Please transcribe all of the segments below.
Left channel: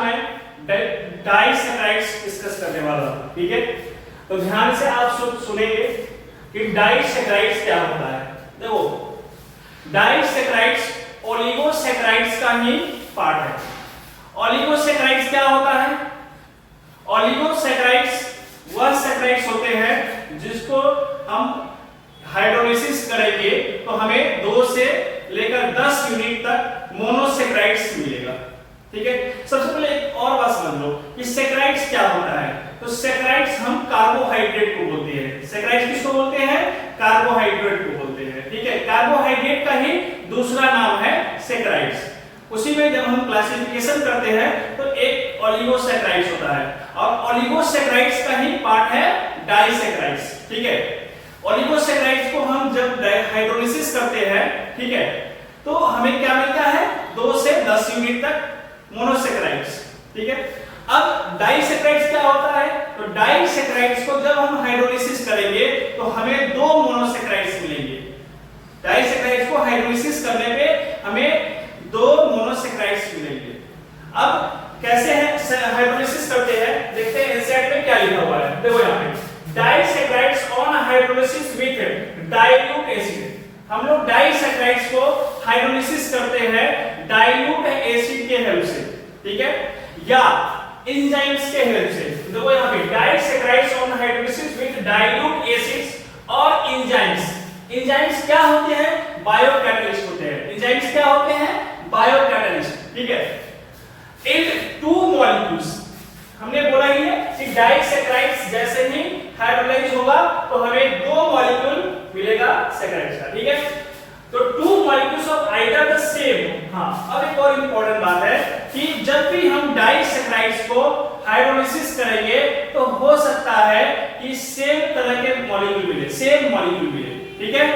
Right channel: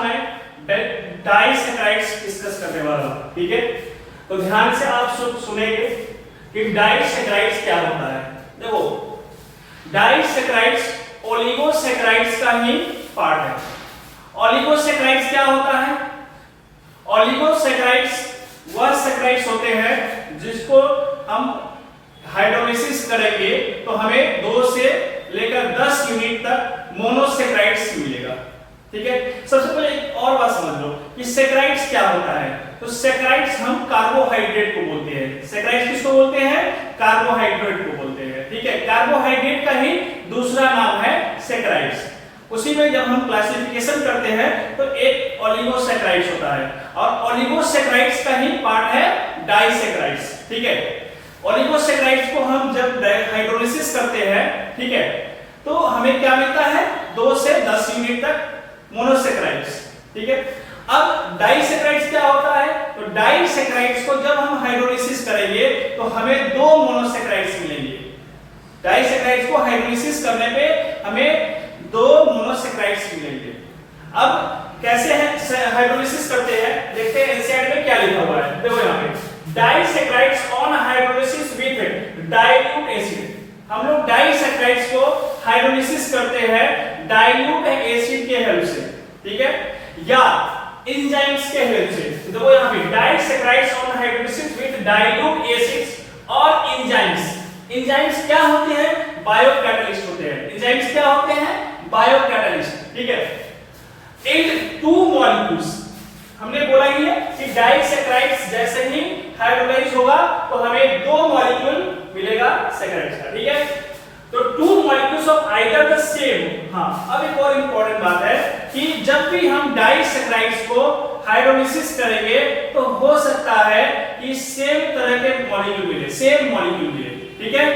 आज मैं डाइसैकराइड्स डिस्कस करने वाला हूं। ठीक है, तो ध्यान से आप सुनेंगे कि डाइसैकराइड्स क्या होता है। देखो, डाइसैकराइड्स ओलिगोसैकराइड्स का ही पार्ट है। ओलिगोसैकराइड्स क्या होता है? ओलिगोसैकराइड्स वह सैकराइड्स होते हैं जिसको हम हाइड्रोलिसिस करेंगे तो हमें 2 से लेकर 10 यूनिट तक मोनोसैकराइड्स मिलेगा। ठीक है, सबसे पहले एक और बात समझ लो कि सैकराइड्स क्या होता है। तो सैकराइड्स हम कार्बोहाइड्रेट को बोलते हैं। सैकराइड्स किसको बोलते हैं? कार्बोहाइड्रेट को बोलते हैं। ठीक है, कार्बोहाइड्रेट का ही दूसरा नाम है सैकराइड्स। उसी में जब हम क्लासिफिकेशन करते हैं तो एक ओलिगोसैकराइड्स होता है और ओलिगोसैकराइड्स का ही पार्ट है डाइसैकराइड्स। ठीक है, ओलिगोसैकराइड्स को हम जब हाइड्रोलिसिस करते हैं, ठीक है, तो हमें क्या मिलता है? 2 से 10 यूनिट तक मोनोसैकराइड्स। ठीक है, अब डाइसैकराइड्स क्या होता है? तो डाइसैकराइड्स को जब हम हाइड्रोलिसिस करेंगे तो हमें 2 मोनोसैकराइड्स मिलेंगे। डाइसैकराइड्स को हाइड्रोलिसिस करने पे हमें 2 मोनोसैकराइड्स मिलेंगे। अब कैसे है हाइड्रोलिसिस करते हैं, देखते हैं एनसीईआरटी में क्या लिखा हुआ है। देखो यहाँ पे disaccharides on hydrolysis with dilute acid. हम लोग डाइसैकराइड्स को हाइड्रोलिसिस करते हैं डाइल्यूट एसिड के हेल्प से। ठीक है, या एंजाइम्स के हेल्प से। देखो यहाँ पे disaccharides on hydrolysis with dilute acids और एंजाइम्स। एंजाइम्स क्या होते हैं? बायोकैटालिस्ट होते हैं। एंजाइम्स क्या होते हैं? बायोकैटालिस्ट। ठीक है, इन 2 मॉलिक्यूल्स हमने बोला ही है कि डाइसैकराइड्स जैसे ही हाइड्रोलाइज होगा तो हमें 2 मॉलिक्यूल मिलेगा सैकराइड्स का। ठीक है, तो 2 molecules of either the same. हाँ, अब एक और इंपॉर्टेंट बात है कि जब भी हम डाइसैकराइड्स को हाइड्रोलिसिस करेंगे तो हो सकता है कि सेम तरह के मॉलिक्यूल मिले, सेम मॉलिक्यूल मिले। ठीक है,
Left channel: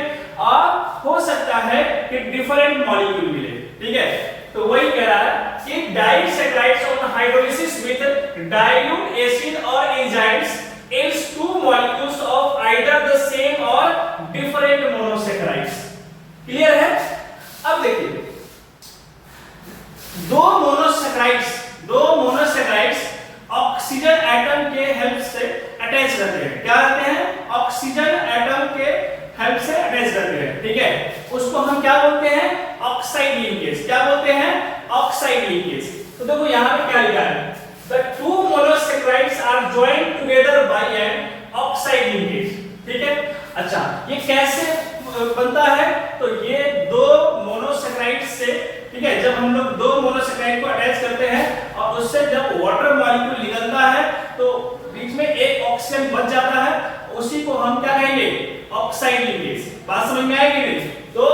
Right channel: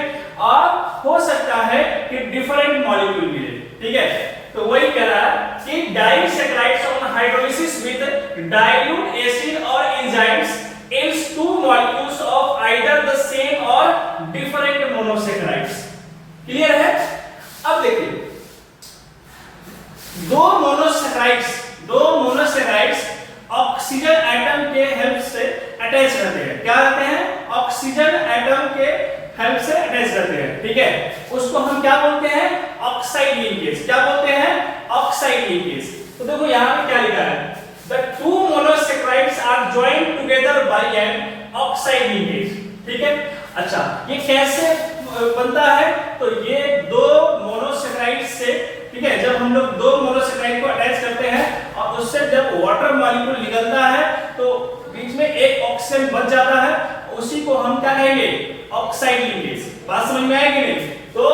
और हो सकता है कि डिफरेंट मॉलिक्यूल मिले। ठीक है, तो वही कह रहा है कि disaccharides on hydrolysis with dilute acid और enzymes yields 2 molecules of either the same or different monosaccharides। Clear है? अब देखिए, 2 मोनोसैकराइड्स ऑक्सीजन एटम के हेल्प से अटैच रहते हैं। क्या रहते हैं? ऑक्सीजन एटम के हेल्प से अटैच रहते हैं। ठीक है, उसको हम क्या बोलते हैं? Oxide linkage. क्या बोलते हैं? Oxide linkage. तो देखो यहाँ पे क्या लिखा है? The 2 monosaccharides are joined together by an oxide linkage। ठीक है, अच्छा, ये कैसे बनता है? तो ये 2 मोनोसैकराइड्स से, ठीक है, जब हम लोग 2 मोनोसैकराइड को अटैच करते हैं और उससे जब वाटर मॉलिक्यूल निकलता है तो बीच में एक ऑक्सीजन बच जाता है, उसी को हम क्या कहेंगे? Oxide linkage. बात समझ में आएगी नहीं? तो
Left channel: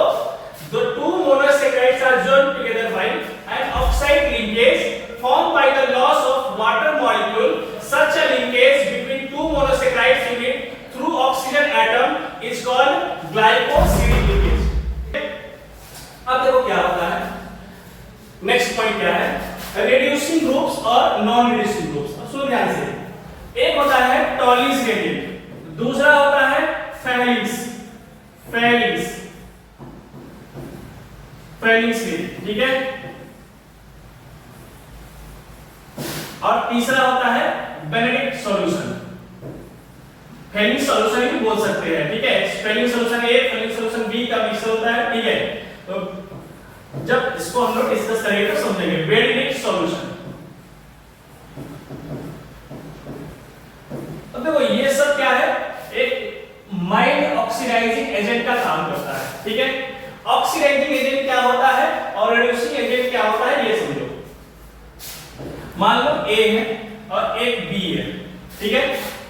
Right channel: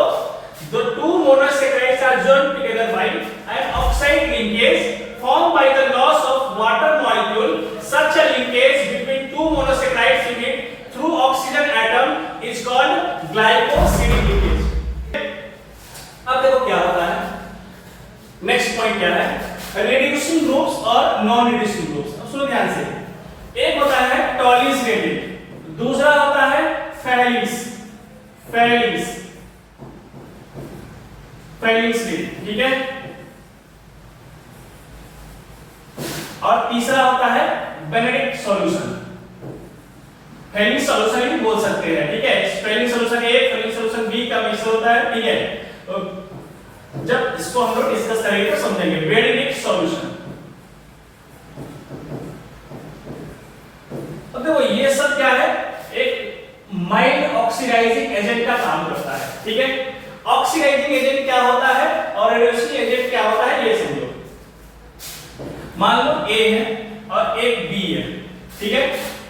the 2 monosaccharides are joined together by an oxide linkage formed by the loss of water molecule. Such a linkage between 2 monosaccharides unit through oxygen atom is called glycosidic linkage। अब देखो क्या होता है, नेक्स्ट पॉइंट क्या है? Reducing groups और non reducing groups. अब सुनो ध्यान से, एक होता है टॉलिस ग्रेडिएंट, दूसरा होता है फेलिक्स ग्रेडिएंट। ठीक है, और तीसरा होता है बेनेडिक्ट सॉल्यूशन। फेलिक्स सॉल्यूशन भी बोल सकते हैं। ठीक है, Felix solution A, Felix solution B का मिक्सचर होता है। ठीक है, तो जब इसको हम लोग डिस्कस करेंगे तो समझेंगे। बेनेडिक्ट सॉल्यूशन, तो देखो ये सब क्या है? एक माइल्ड ऑक्सीडाइजिंग एजेंट का काम करता है। ठीक है, ऑक्सीडाइजिंग एजेंट क्या होता है और रिड्यूसिंग एजेंट क्या होता है ये समझो। मान लो A है और एक B है। ठीक है,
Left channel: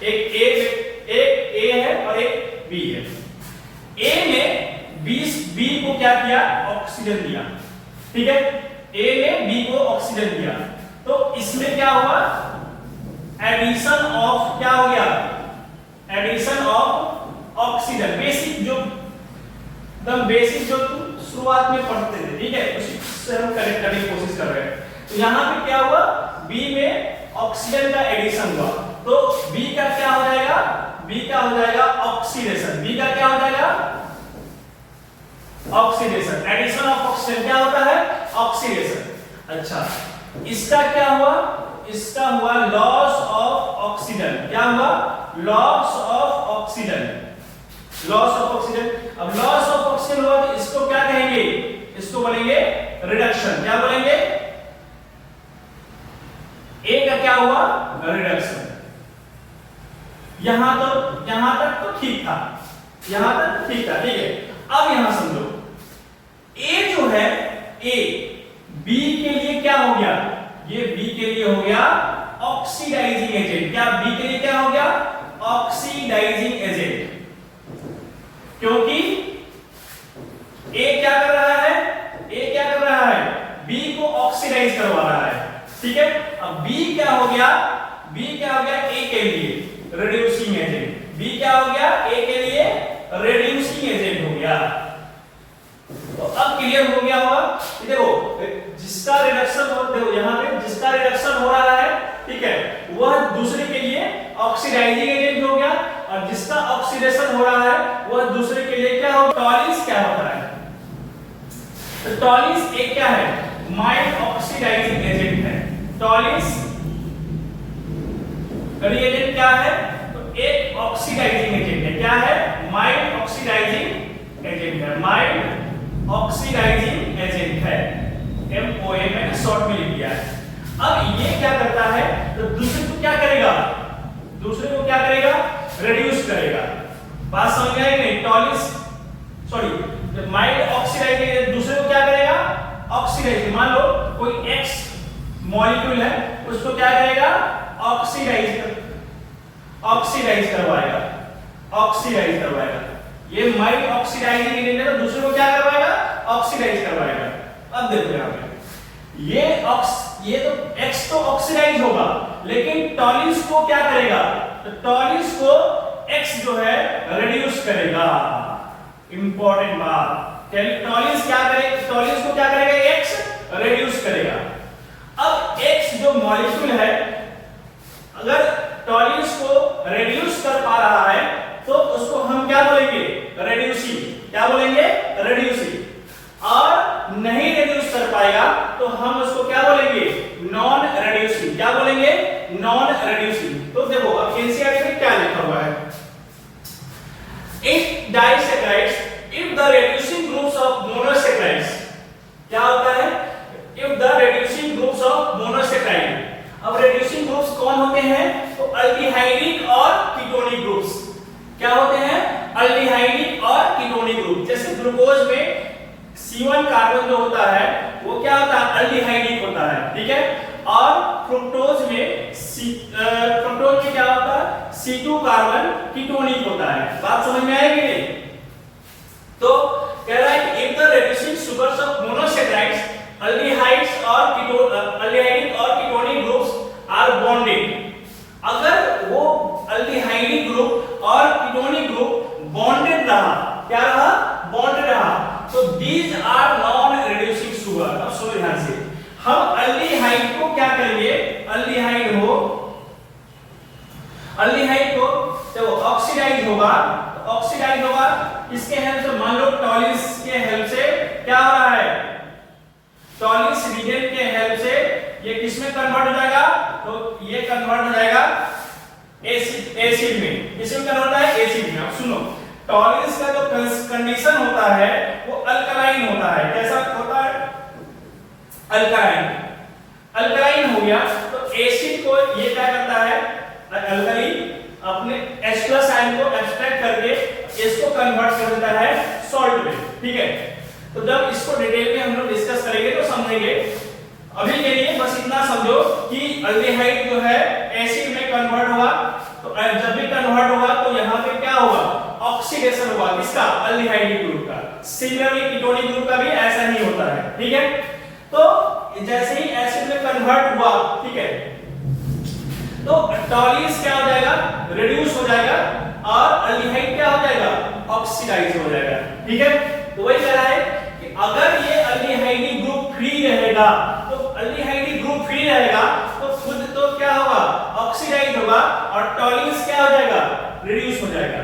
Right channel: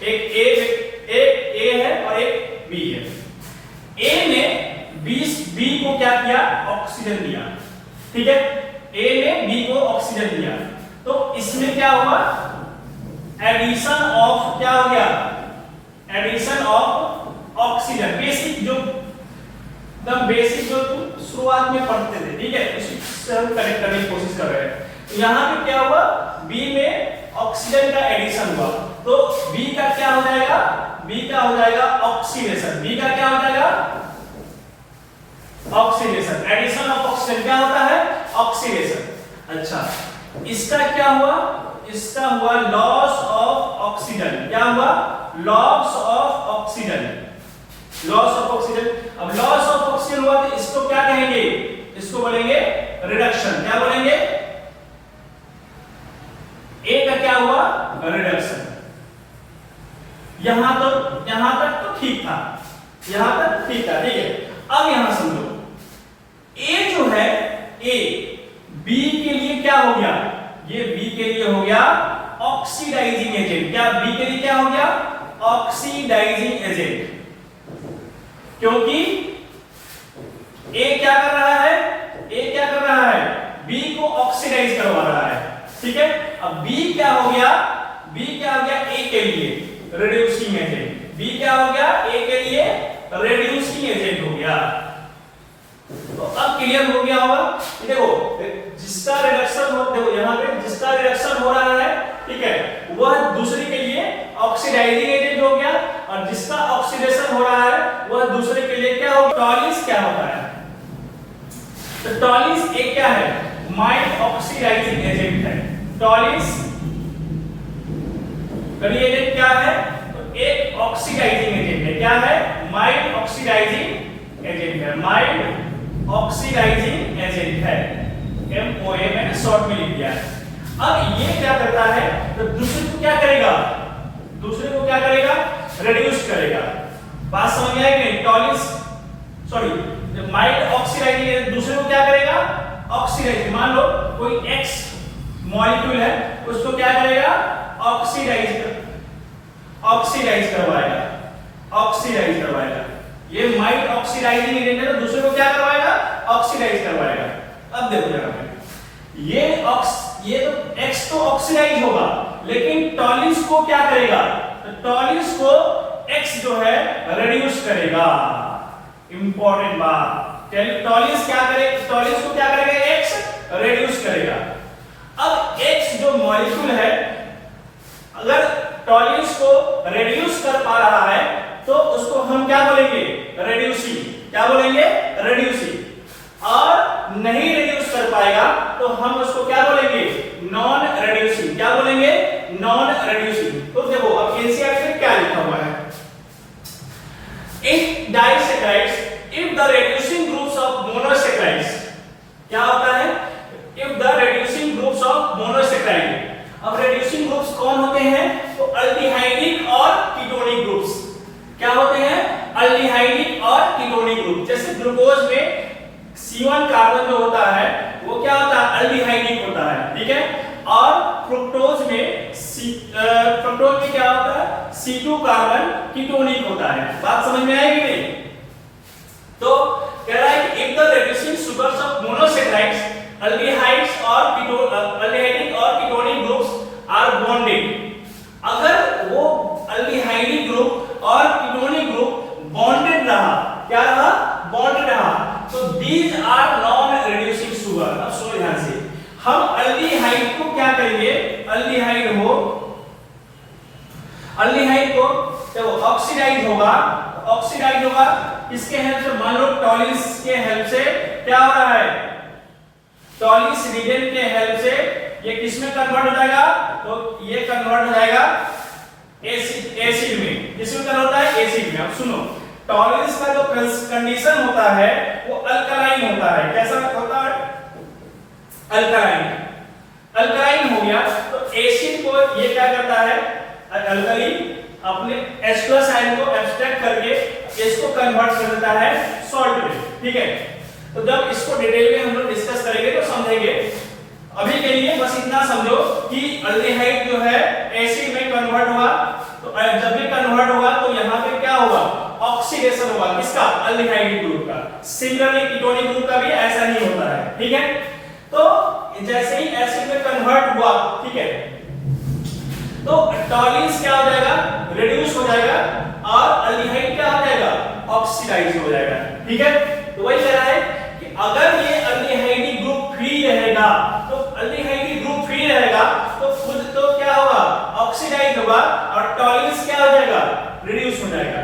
एक A है और एक B है। A ने B को क्या किया? ऑक्सीजन दिया। ठीक है, A ने B को ऑक्सीजन दिया, तो इसमें क्या हुआ? एडिशन ऑफ, क्या हो गया? Addition of oxygen. बेसिक जो तुम शुरुआत में पढ़ते थे, ठीक है, उसी से हम कनेक्ट करने की कोशिश कर रहे हैं। तो यहाँ पे क्या हुआ? B में ऑक्सीजन का एडिशन हुआ, तो B का क्या हो जाएगा? B का हो जाएगा ऑक्सीडेशन। B का क्या हो जाएगा? ऑक्सीडेशन। एडिशन ऑफ ऑक्सीजन क्या होता है? ऑक्सीडेशन। अच्छा, इसका क्या हुआ? इसका हुआ लॉस ऑफ ऑक्सीजन। क्या हुआ? Loss of oxygen. Loss of oxygen. अब लॉस ऑफ ऑक्सीजन हुआ तो इसको क्या कहेंगे? इसको बोलेंगे रिडक्शन। क्या बोलेंगे? ए का क्या हुआ? रिडक्शन। यहां तक तो ठीक था, यहां तक ठीक था, ठीक है। अब यहां समझो, ए जो है, ए बी के लिए क्या हो गया? ये बी के लिए हो गया ऑक्सीडाइजिंग एजेंट। क्या बी के लिए क्या हो गया? Oxidizing agent. क्योंकि ए क्या कर रहा है? ए क्या कर रहा है? बी को ऑक्सीडाइज करवा रहा है, ठीक है। अब बी क्या हो गया? बी क्या हो गया? ए के लिए रिड्यूसिंग एजेंट। बी क्या हो गया? ए के लिए रिड्यूसिंग एजेंट हो गया। तो अब क्लियर हो गया होगा। देखो, जिसका रिडक्शन हो, देखो यहां पे जिसका रिडक्शन हो रहा है, ठीक है, वह दूसरे के लिए ऑक्सीडाइजिंग एजेंट हो गया, और जिसका ऑक्सीडेशन हो रहा है वह दूसरे के लिए क्या होगा? टॉलिस क्या होता है? तो टॉलिस एक क्या है? माइल्ड ऑक्सीडाइजिंग एजेंट है। टॉलिस रिएजेंट क्या है? तो एक ऑक्सीडाइजिंग एजेंट है। क्या है? माइल्ड ऑक्सीडाइजिंग एजेंट है। माइल्ड ऑक्सीडाइजिंग एजेंट है। MOA मैंने शॉर्ट में लिख दिया है। अब ये क्या करता है? तो दूसरे को क्या करेगा? दूसरे को क्या करेगा? रिड्यूस करेगा। बात समझ में आई कि नहीं? टॉलिस सॉरी माइल्ड ऑक्सीडाइजिंग दूसरे को क्या करेगा? ऑक्सीडाइज। मान लो कोई X मॉलिक्यूल है, उसको क्या करेगा? ऑक्सीडाइज करवाएगा। ऑक्सीडाइज करवाएगा। ये माइल्ड ऑक्सीडाइजिंग एजेंट है, तो दूसरे को क्या करवाएगा? ऑक्सीडाइज करवाएगा। अब देखो यहां पे ये तो X तो ऑक्सीडाइज होगा, लेकिन टॉलिस को क्या करेगा? तो टॉलिस को X जो है रिड्यूस करेगा। इंपॉर्टेंट बात, टॉलिस क्या करेगा? टॉलिस को क्या करेगा? X रिड्यूस करेगा। अब X जो मॉलिक्यूल है, अगर टॉलिस को रिड्यूस कर पा रहा है तो उसको हम क्या बोलेंगे? रिड्यूसिंग। क्या बोलेंगे? रिड्यूसिंग। और नहीं रिड्यूस कर पाएगा तो हम उसको क्या बोलेंगे? Non reducing. क्या बोलेंगे? Non reducing. तो देखो अब एनसीईआरटी में क्या लिखा हुआ है? In disaccharides if the reducing groups of monosaccharides, क्या होता है? If the reducing groups of monosaccharide. अब रिड्यूसिंग ग्रुप्स कौन होते हैं? तो अल्डिहाइडिक और कीटोनिक ग्रुप्स। क्या होते हैं? अल्डिहाइडिक और कीटोनिक ग्रुप। जैसे ग्लूकोज में C1 कार्बन जो होता है वो क्या होता है? अल्डिहाइडिक होता है, ठीक है। और फ्रुक्टोज में क्या होता है? C2 कार्बन कीटोनिक होता है। बात समझ में आएगी नहीं? तो कह रहा है कि if the reducing sugars of monosaccharides aldehydes और अल्डिहाइडिक और कीटोनिक ग्रुप्स आर बॉन्डेड। अगर वो अल्डिहाइडिक ग्रुप और कीटोनिक ग्रुप बॉन्डेड रहा, क्या रहा? बॉन्डेड रहा, तो these are non reducing sugar. अब सुनो ध्यान से, हम अल्डिहाइड को क्या करेंगे? अल्डिहाइड को जब ऑक्सीडाइज होगा, तो ऑक्सीडाइज होगा किसके हेल्प से? मान लो टॉलिस के हेल्प से क्या हो रहा है? टॉलिस रिएजेंट के हेल्प से ये किसमें कन्वर्ट हो जाएगा? तो ये कन्वर्ट हो जाएगा एसिड में। किसमें कन्वर्ट होता है? एसिड में। अब सुनो, टॉलिस का जो कंडीशन होता है वो अल्कलाइन होता है। कैसा होता है? अल्कलाइन। अल्कलाइन हो गया तो एसिड को ये क्या करता है? अल्कली अपने H+ आयन को एब्स्ट्रैक्ट करके इसको कन्वर्ट कर देता है सॉल्ट में, ठीक है। तो जब इसको डिटेल में हम लोग डिस्कस करेंगे तो समझेंगे। अभी के लिए बस इतना समझो कि अल्डिहाइड जो है एसिड में कन्वर्ट हुआ, तो जब भी कन्वर्ट हुआ तो यहां पे क्या होगा? ऑक्सीडेशन होगा। किसका? अल्डिहाइड ग्रुप का। सिमिलरली कीटोनिक ग्रुप का भी ऐसा ही होता है, ठीक है। तो जैसे ही एसिड में कन्वर्ट हुआ, ठीक है, तो टॉलिस क्या हो जाएगा? रिड्यूस हो जाएगा, और अल्डिहाइड क्या हो जाएगा? ऑक्सीडाइज हो जाएगा, ठीक है। तो वही कह रहा है कि अगर ये अल्डिहाइड ग्रुप फ्री रहेगा, तो अल्डिहाइड ग्रुप फ्री रहेगा तो खुद तो क्या होगा? ऑक्सीडाइज होगा, और टॉलिस क्या हो जाएगा? रिड्यूस हो जाएगा।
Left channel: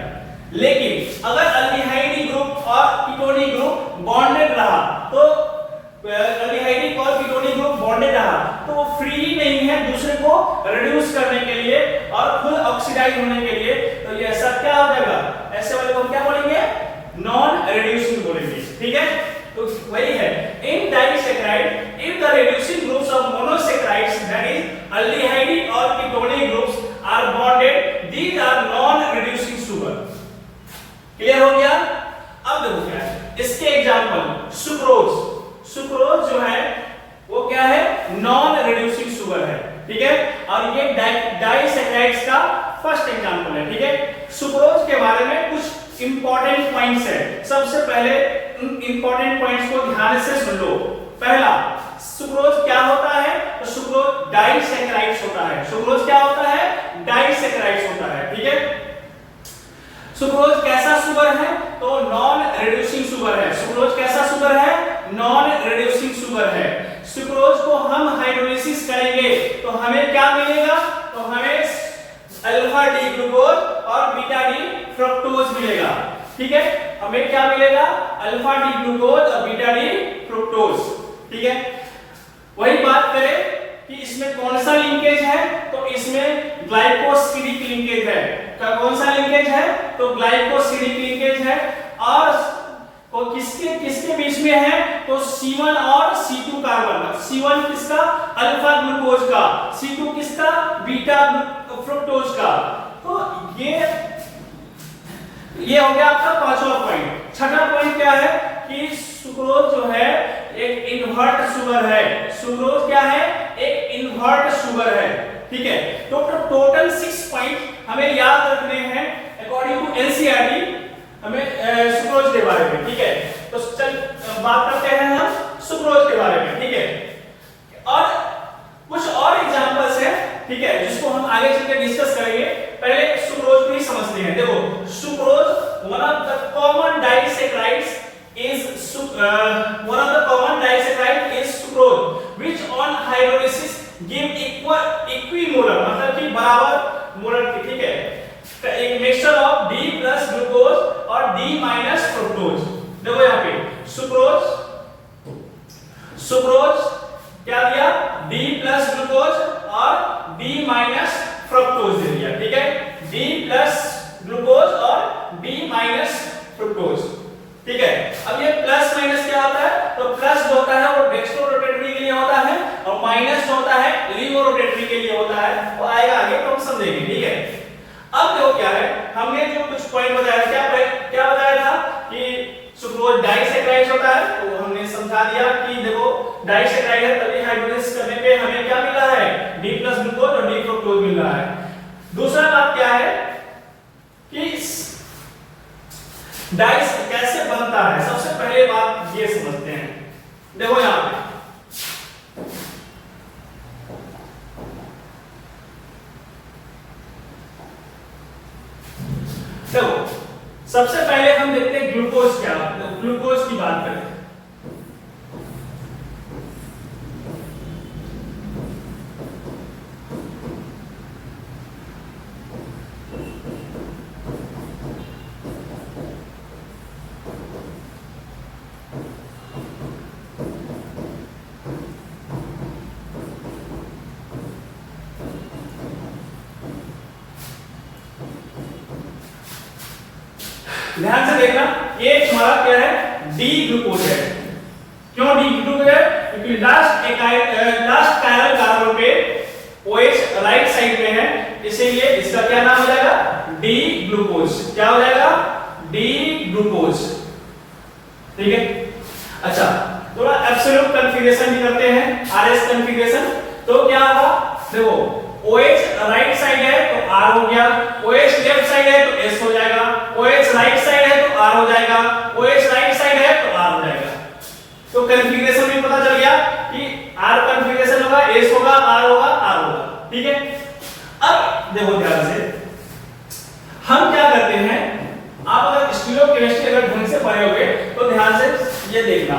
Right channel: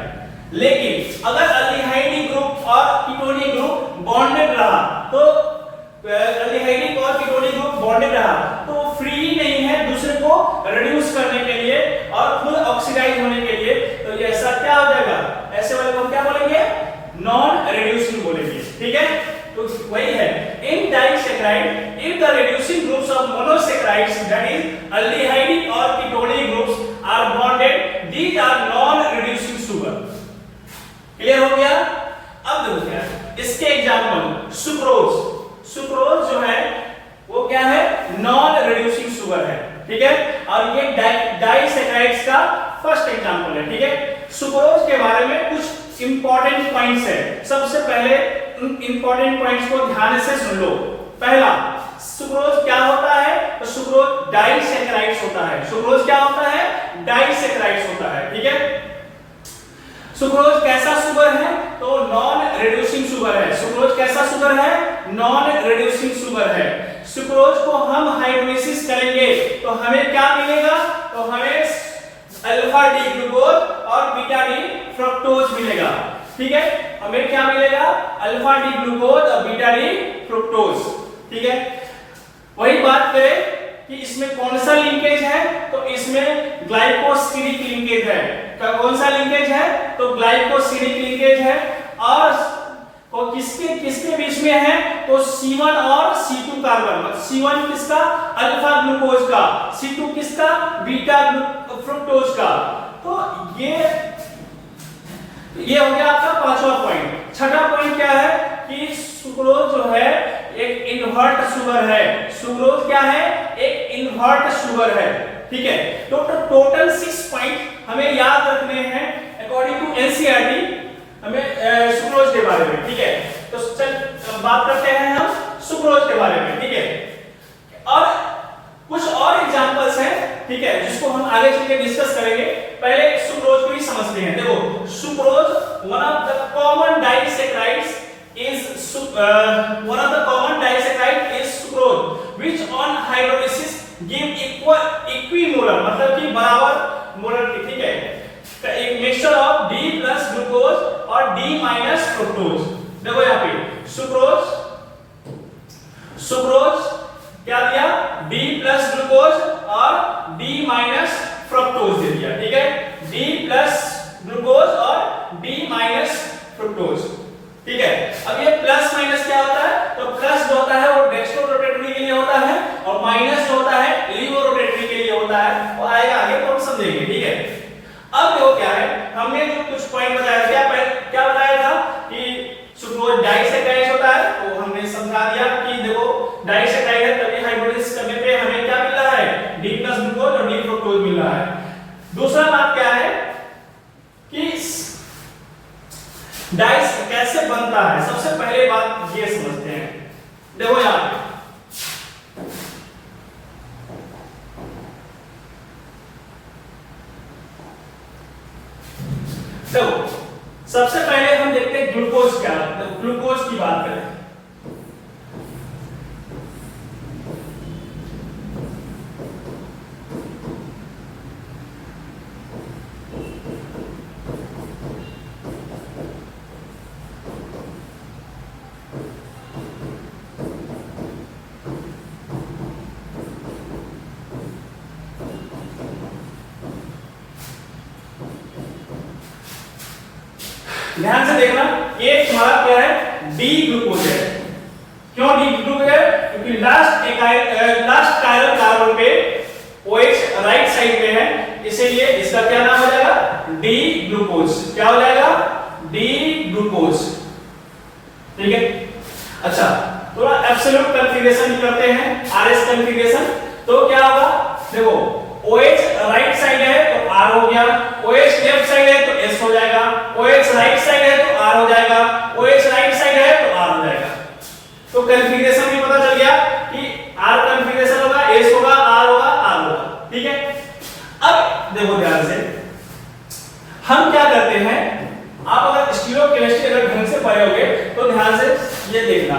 लेकिन अगर अल्डिहाइड ग्रुप और कीटोनिक ग्रुप बॉन्डेड रहा, तो अल्डिहाइड और कीटोनिक ग्रुप बॉन्डेड रहा तो वो फ्री नहीं है दूसरे को रिड्यूस करने के लिए और खुद ऑक्सीडाइज होने के लिए, तो ये ऐसा क्या हो जाएगा, ऐसे वाले को क्या बोलेंगे, नॉन रिड्यूसिंग बोलेंगे। ठीक है, तो वही है in disaccharide if the reducing groups of monosaccharides that is aldehydic और ketonic groups are bonded these are non reducing sugar. Clear हो गया? अब देखो क्या है इसके एग्जांपल, सुक्रोज, सुक्रोज जो है वो क्या है, नॉन रिड्यूसिंग शुगर है। ठीक है, और ये डाइसैकेराइड्स का फर्स्ट एग्जांपल है। ठीक है, सुक्रोज के बारे में कुछ इंपॉर्टेंट पॉइंट्स है। सबसे पहले इंपॉर्टेंट पॉइंट्स को ध्यान से सुन लो। पहला, सुक्रोज क्या होता है, तो सुक्रोज डाइसैकेराइड्स होता है। सुक्रोज क्या होता है, डाइसैकेराइड्स होता है। ठीक है, सुक्रोज कैसा शुगर है, तो नॉन रिड्यूसिंग शुगर है। सुक्रोज कैसा शुगर है, नॉन रिड्यूसिंग शुगर है। सुक्रोज को हम हाइड्रोलिसिस करेंगे तो हमें क्या मिलेगा, तो हमें अल्फा डी ग्लूकोज और बीटा डी फ्रुक्टोज मिलेगा। ठीक है, हमें क्या मिलेगा, अल्फा डी ग्लूकोज और बीटा डी फ्रुक्टोज। ठीक है, वही बात करें कि इसमें कौन सा लिंकेज है, तो इसमें ग्लाइकोसिडिक लिंकेज है। कौन सा लिंकेज है, तो ग्लाइकोसिडिक लिंकेज है। और किसके किसके बीच में है, तो C1 और C2 कार्बन। C1 किसका, अल्फा ग्लूकोज का, C2 किसका, बीटा फ्रुक्टोज का। तो ये हो गया आपका पांचवा पॉइंट। छठा पॉइंट क्या है कि सुक्रोज जो है एक इन्वर्ट शुगर है। सुक्रोज क्या है, एक इन्वर्ट शुगर है। ठीक है, तो टोटल 6 पॉइंट हमें याद रखने हैं अकॉर्डिंग टू एनसीईआरटी हमें सुक्रोज के बारे में। ठीक है, तो चल बात करते हैं हम सुक्रोज के बारे में। ठीक है, और कुछ और एग्जांपल्स हैं, ठीक है, जिसको हम आगे चल के डिस्कस करेंगे। पहले सुक्रोज को ही समझते हैं। देखो, sucrose one of the common disaccharides is one of the common disaccharide is sucrose which on hydrolysis give equimolar मतलब कि बराबर मोलर। ठीक है, एक mixture of D plus glucose और D माइनस फ्रुक्टोज। देखो यहाँ पे सुक्रोज, सुक्रोज क्या दिया, D प्लस ग्लूकोज और D माइनस फ्रुक्टोज दे दिया। ठीक है, D प्लस ग्लूकोज और D माइनस फ्रुक्टोज। ठीक है, अब ये प्लस माइनस क्या होता है, तो प्लस जो होता है वो डेक्स्ट्रो रोटेटरी के लिए होता है और माइनस जो होता है लीवो रोटेटरी के लिए होता है, और आएगा आगे तो हम समझेंगे। ठीक है, अब देखो क्या है, हमने जो कुछ पॉइंट बताया, क्या बताया था कि सुक्रोज डाइसैकेराइड होता है, तो हमने समझा दिया कि देखो डाइसैकेराइड है तभी हाइड्रोलिसिस करने पे हमें क्या मिल रहा है, D प्लस ग्लूकोज और D फ्रुक्टोज मिल रहा है। दूसरा बात क्या है कि डाइस कैसे बनता है, सबसे पहले बात ये समझते हैं। देखो यहां पे देखो, सबसे पहले हम देखते हैं ग्लूकोज क्या है। ग्लूकोज की बात करें, ध्यान से देखना, ये तुम्हारा क्या है, डी ग्लूकोज है। क्यों डी ग्लूकोज है, क्योंकि लास्ट कायरल कार्बन पे OH राइट साइड पे है, इसीलिए इसका क्या नाम हो जाएगा, डी ग्लूकोज। क्या हो जाएगा, डी ग्लूकोज। ठीक है, अच्छा थोड़ा एब्सोल्यूट कॉन्फ़िगरेशन करते हैं, RS कॉन्फ़िगरेशन। तो क्या होगा, देखो OH राइट साइड है तो R हो गया, OH लेफ्ट साइड है तो S हो जाएगा, OH राइट साइड है तो R हो जाएगा, OH राइट साइड है तो R हो जाएगा। तो कॉन्फ़िगरेशन भी पता चल गया कि R कॉन्फ़िगरेशन होगा, S होगा, R होगा, R होगा। ठीक है, अब देखो ध्यान से हम क्या करते हैं, आप अगर स्टीरियोकेमिस्ट्री अगर ढंग से पढ़े होगे तो ध्यान से ये देखना,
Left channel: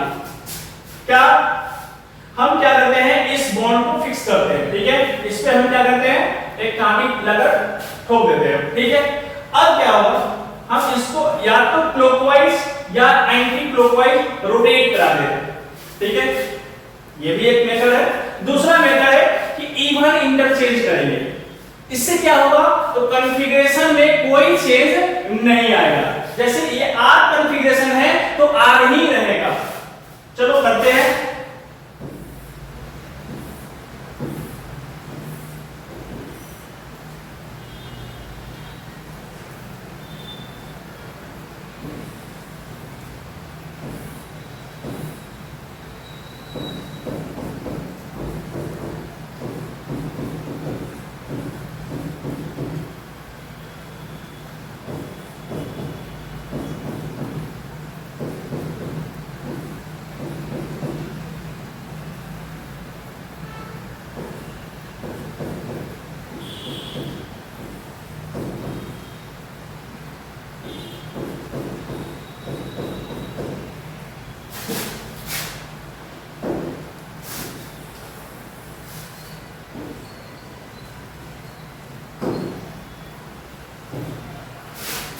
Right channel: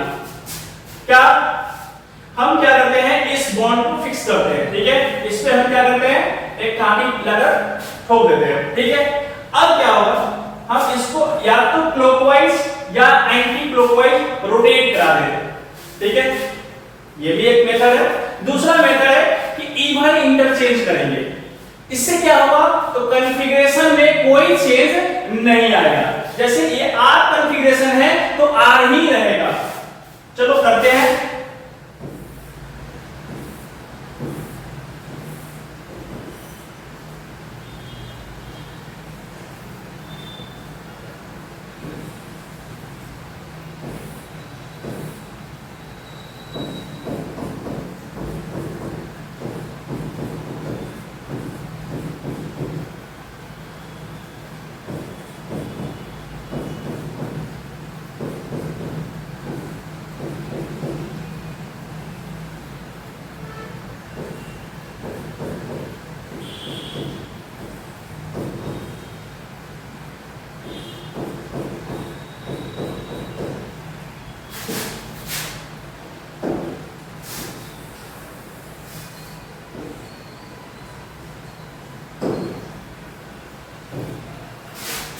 क्या हम क्या करते हैं, इस बॉन्ड को फिक्स करते हैं। ठीक है, इस पे हम क्या करते हैं, एक कांटी लगा ठोक देते हैं। ठीक है, अब क्या होगा, हम इसको या तो क्लॉकवाइज या एंटी क्लॉकवाइज रोटेट करा देते हैं। ठीक है, ये भी एक मेथड है। दूसरा मेथड है कि इवन इंटरचेंज करेंगे। इससे क्या होगा, तो कॉन्फ़िगरेशन में कोई चेंज नहीं आएगा। जैसे ये आर कॉन्फ़िगरेशन है तो आर ही रहेगा। चलो करते हैं।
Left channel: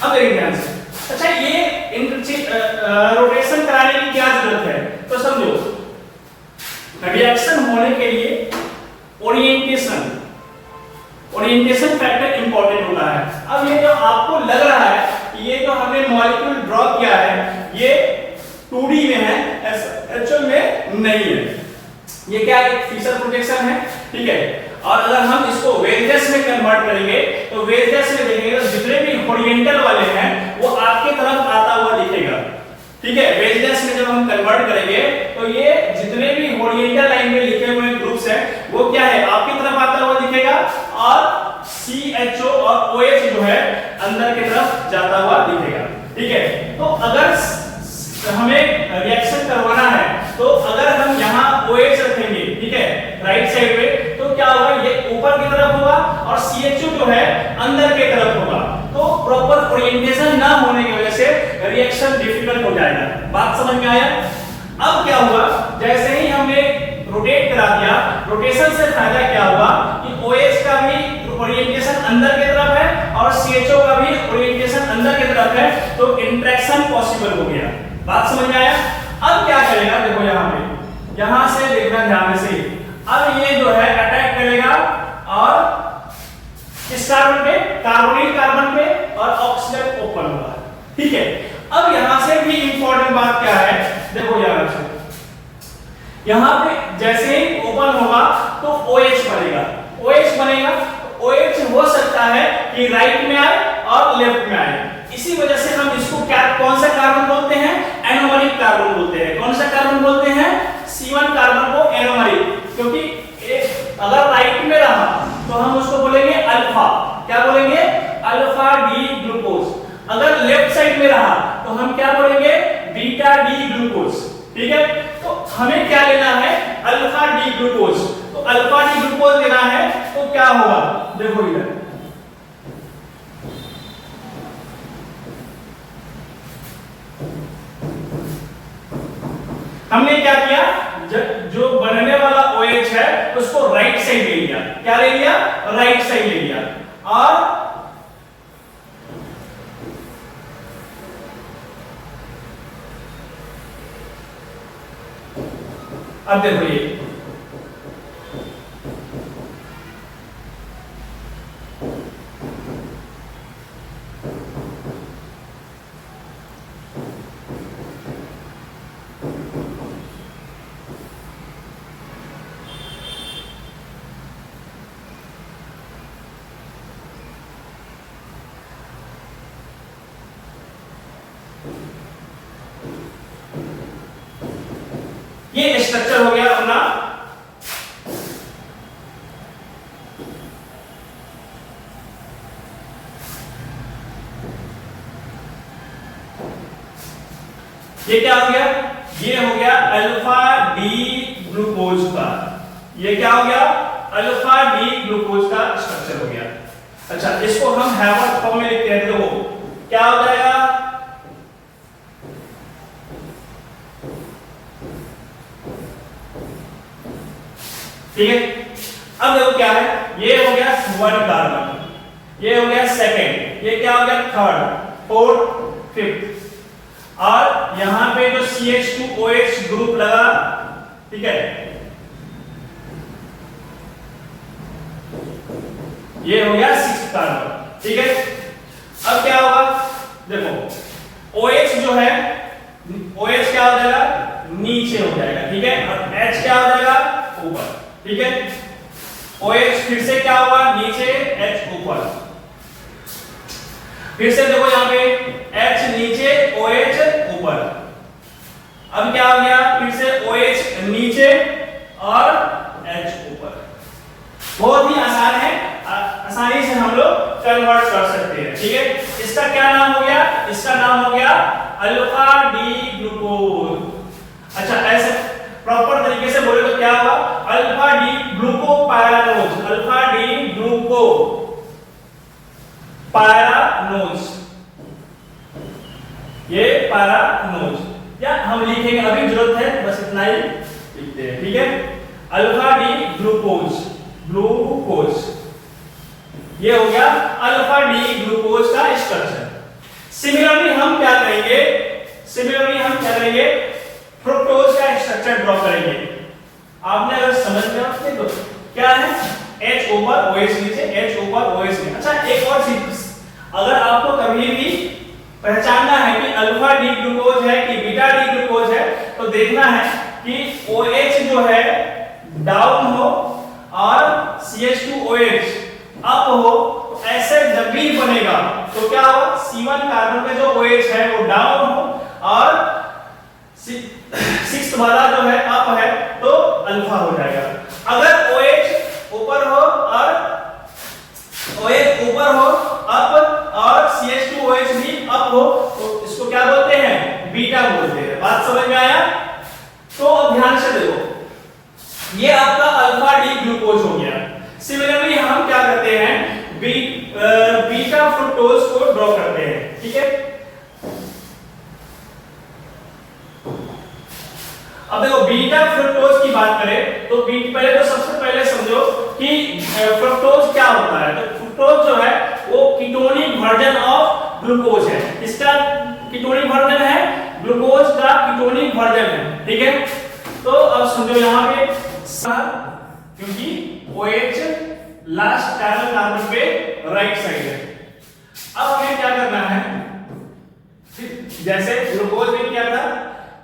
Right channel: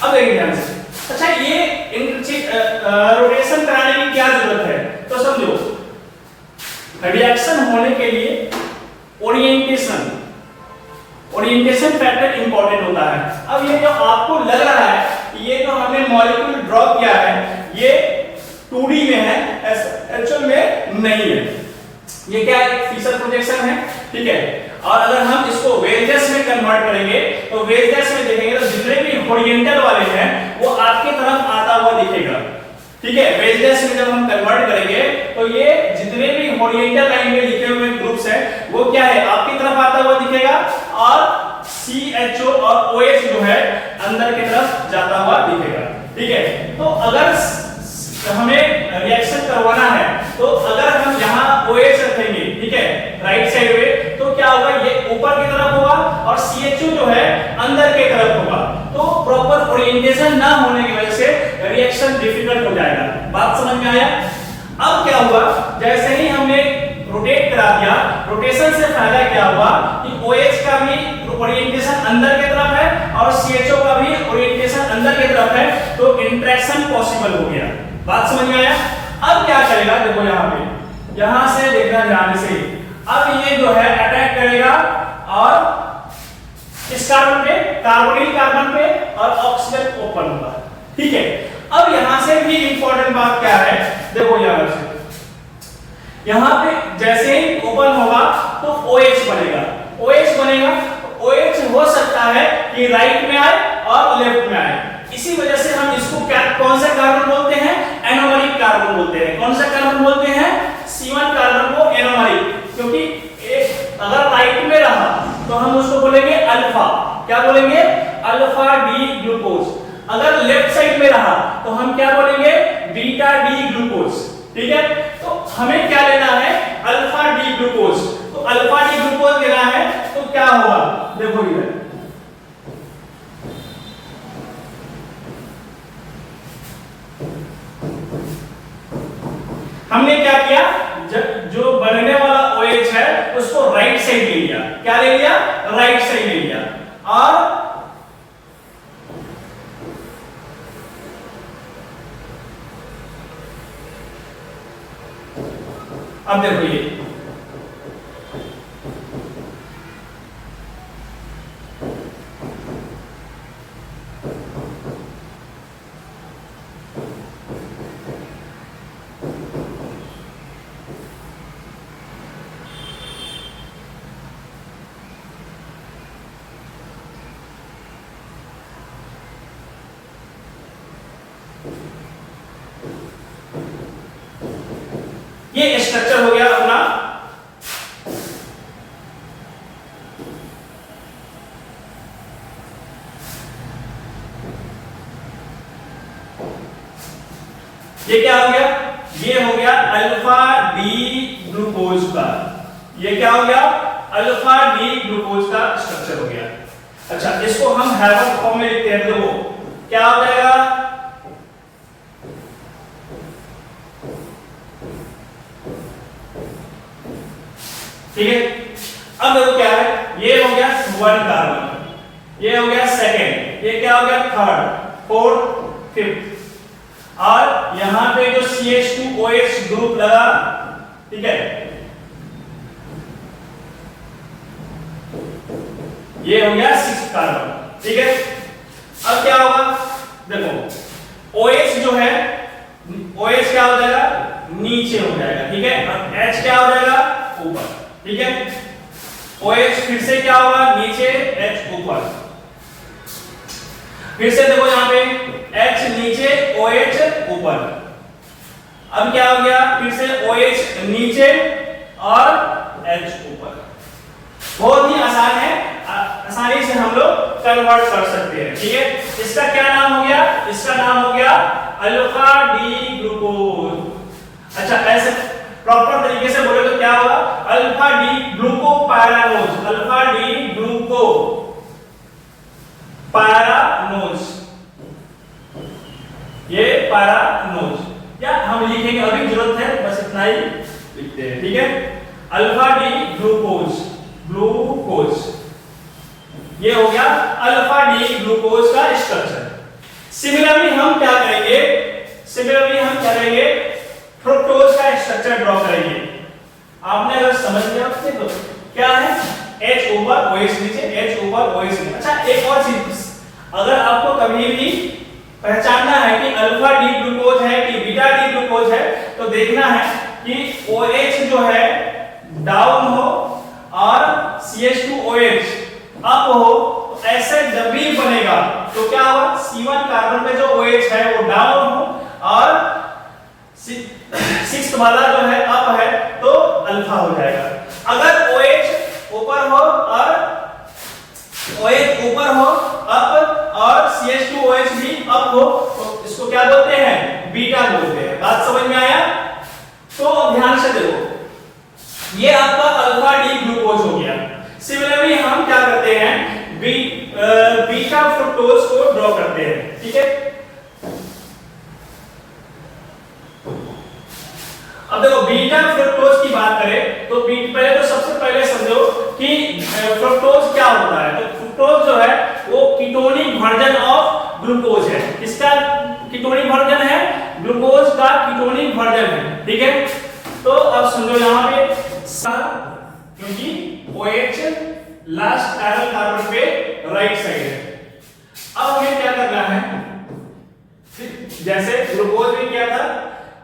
अब देखिए ध्यान से। अच्छा, ये रोटेशन कराने की क्या जरूरत है, तो समझो रिएक्शन होने के लिए ओरिएंटेशन फैक्टर इंपॉर्टेंट होता है। अब ये जो आपको लग रहा है, ये जो हमने मॉलिक्यूल ड्रॉ किया है, ये 2D में है, एक्चुअल में नहीं है। ये क्या है, फीचर प्रोजेक्शन है, ठीक है। और अगर हम इसको वेजेस में कन्वर्ट करेंगे तो वेजेस में देखेंगे तो जितने भी हॉरिजॉन्टल वाले हैं वो आपकी तरफ आता हुआ दिखेगा, ठीक है। वेजेस में जब हम कन्वर्ट करेंगे तो ये जितने भी हॉरिजॉन्टल लाइन में लिखे हुए ग्रुप्स हैं वो क्या है, आपकी तरफ आता हुआ दिखेगा, और CHO और OH जो है अंदर की तरफ जाता हुआ दिखेगा, ठीक है। तो अगर हमें रिएक्शन करवाना है तो अगर हम यहाँ OH रखेंगे, ठीक है, राइट साइड में, तो क्या होगा, ये ऊपर की तरफ होगा और CHO जो है अंदर की तरफ होगा। तो प्रॉपर ओरिएंटेशन ना होने की वजह से रिएक्शन डिफिकल्ट हो जाएगा। बात समझ में आया? अब क्या हुआ, जैसे ही हमने रोटेट करा दिया, रोटेशन से फायदा क्या हुआ कि OH का भी ओरिएंटेशन अंदर की तरफ है और CHO का भी ओरिएंटेशन अंदर की तरफ है, तो इंटरेक्शन पॉसिबल हो गया। बात समझ में आया? अब क्या करेगा, देखो यहां से देखना ध्यान से। अब ये जो है अटैक करेगा और किस कार्बन पे, कार्बोनिल कार्बन पे, और ऑक्सीजन ओपन होगा, ठीक है। अब यहां से भी इंपॉर्टेंट बात क्या है, देखो यहां पे जैसे ही ओपन होगा तो OH बनेगा। OH हो सकता है कि राइट में आए और लेफ्ट में आए। इसी वजह से हम इसको क्या, कौन सा कार्बन बोलते हैं, एनोमरिक कार्बन बोलते हैं। कौन सा कार्बन बोलते हैं, C1 कार्बन को एनोमरिक, क्योंकि एक अगर राइट में रहा तो हम उसको बोलेंगे अल्फा, क्या बोलेंगे, अल्फा डी ग्लूकोज। अगर लेफ्ट साइड में रहा तो हम क्या बोलेंगे, बीटा डी ग्लूकोज, ठीक है। तो हमें क्या लेना है, अल्फा डी ग्लूकोज। तो अल्फा डी ग्लूकोज लेना है तो क्या होगा, देखो इधर हमने क्या किया, जो बनने वाला OH है उसको राइट साइड ले लिया। क्या ले लिया, राइट साइड ले लिया। और अब देखो ये स्ट्रक्चर हो गया अपना। ये क्या हो गया, ये हो गया अल्फा डी ग्लूकोज का, ये क्या हो गया, अल्फा डी ग्लूकोज का स्ट्रक्चर हो गया। अच्छा, इसको हम हैवॉक फॉर्म में लिखते हैं, देखो क्या हो जाएगा, ठीक है। अब देखो क्या है, ये हो गया 1 कार्बन, ये हो गया सेकेंड, ये क्या हो गया थर्ड, फोर्थ, फिफ्थ, और यहां पे जो CH2OH ग्रुप लगा, ठीक है, ये हो गया 6 कार्बन, ठीक है। अब क्या होगा, देखो OH जो है, OH क्या हो जाएगा, नीचे हो जाएगा, ठीक है। और H क्या हो जाएगा, ऊपर, ठीक है। OH फिर से क्या होगा, नीचे, H ऊपर। फिर से देखो यहाँ पे H नीचे, OH ऊपर। अब क्या हो गया, फिर से OH नीचे और H ऊपर। बहुत ही आसान है, आसानी से हम लोग कन्वर्ट कर सकते हैं, ठीक है। इसका क्या नाम हो गया, इसका नाम हो गया अल्फा डी ग्लूकोज। अच्छा, ऐसे प्रॉपर तरीके से बोले तो क्या होगा, alpha D glucopyranose, alpha D glucopyranose, ये पैरानोज, या हम लिखेंगे, अभी जरूरत है बस इतना ही लिखते हैं, ठीक है। अल्फा डी ग्लूकोज, ग्लूकोज, ये हो गया अल्फा डी ग्लूकोज का स्ट्रक्चर। सिमिलरली हम क्या करेंगे, सिमिलरली हम करेंगे फ्रुक्टोज का स्ट्रक्चर ड्रॉ करेंगे। आपने अगर समझ में रखते तो क्या है, H ऊपर OH नीचे, H ऊपर OH नीचे। अच्छा, एक और चीज, अगर आपको कभी भी पहचानना है कि अल्फा डी ग्लूकोज है कि बीटा डी ग्लूकोज है, तो देखना है कि OH जो है डाउन हो और CH2OH अप हो, तो ऐसे जब भी बनेगा तो क्या होगा, C1 कार्बन पे जो OH है वो डाउन हो और 6th वाला जो है अप है, तो अल्फा हो जाएगा। अगर OH ऊपर हो और OH ऊपर हो अप और CH2OH भी अप हो, तो इसको क्या बोलते हैं, बीटा बोलते हैं। बात समझ में आया? तो ध्यान से देखो, ये आपका अल्फा डी ग्लूकोज हो गया। सिमिलरली हम क्या करते हैं, बीटा फ्रुक्टोज को ड्रॉ करते हैं, ठीक है। अब देखो बीटा फ्रुक्टोज की बात करें तो पहले तो सबसे पहले समझो कि फ्रुक्टोज क्या होता है। तो फ्रुक्टोज जो है वो कीटोनिक वर्जन ऑफ ग्लूकोज है। इसका कीटोनिक वर्जन है, ग्लूकोज का कीटोनिक वर्जन है, ठीक है। तो अब समझो यहाँ पे क्योंकि OH लास्ट कार्बन पे राइट साइड है। अब हमें क्या करना है, जैसे ग्लूकोज में किया था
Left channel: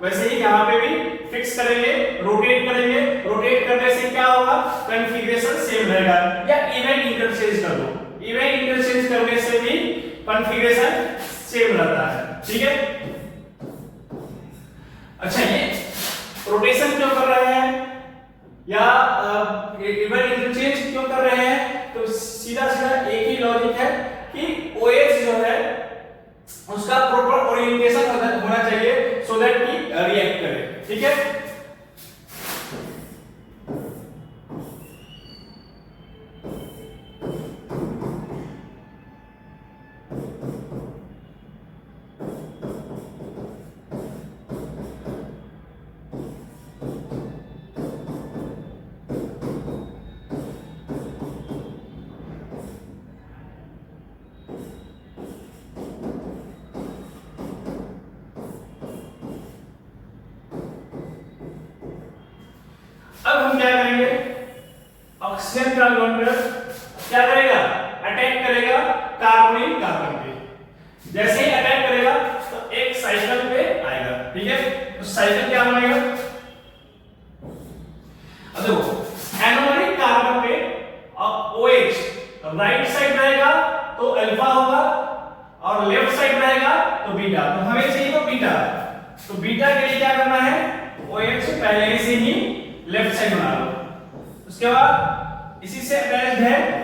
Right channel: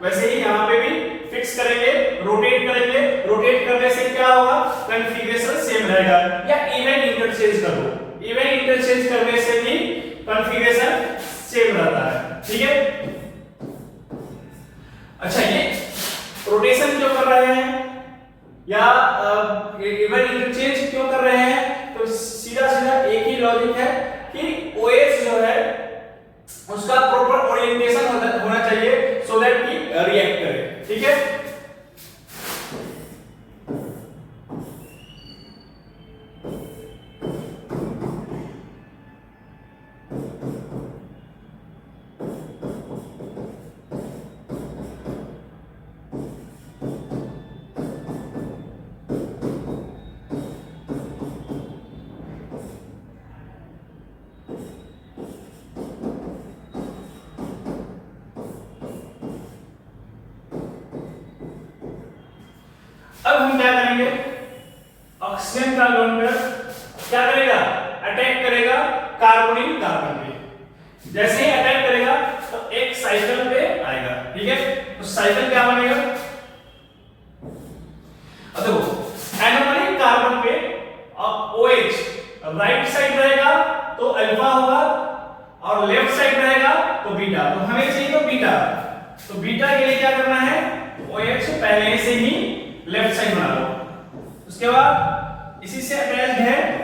वैसे ही यहाँ पे भी फिक्स करेंगे, रोटेट करेंगे। रोटेट करने से क्या होगा, कॉन्फ़िगरेशन सेम रहेगा, या इवन इंटरचेंज कर दो, इवन इंटरचेंज करने से भी कॉन्फ़िगरेशन सेम रहता है, ठीक है। अच्छा, ये रोटेशन क्यों कर रहे हैं या इवन इंटरचेंज क्यों कर रहे हैं, तो सीधा सीधा एक ही लॉजिक है कि OH जो है उसका प्रॉपर ओरिएंटेशन होना चाहिए सो दैट कि रिएक्ट करे, ठीक है। अब हम क्या करेंगे, ऑक्सीजन का डोनर क्या करेगा, अटैक करेगा कार्बोनिल कार्बन पे। जैसे ही अटैक करेगा तो एक साइकिल पे आएगा, ठीक है। तो साइकिल क्या बनेगा, अब देखो एनोमरिक कार्बन पे अब OH राइट साइड रहेगा तो अल्फा होगा और लेफ्ट साइड रहेगा तो बीटा। तो हमें चाहिए तो बीटा, तो बीटा के लिए क्या करना है, OH पहले से ही लेफ्ट साइड बना लो। उसके बाद इसी से अटैच्ड है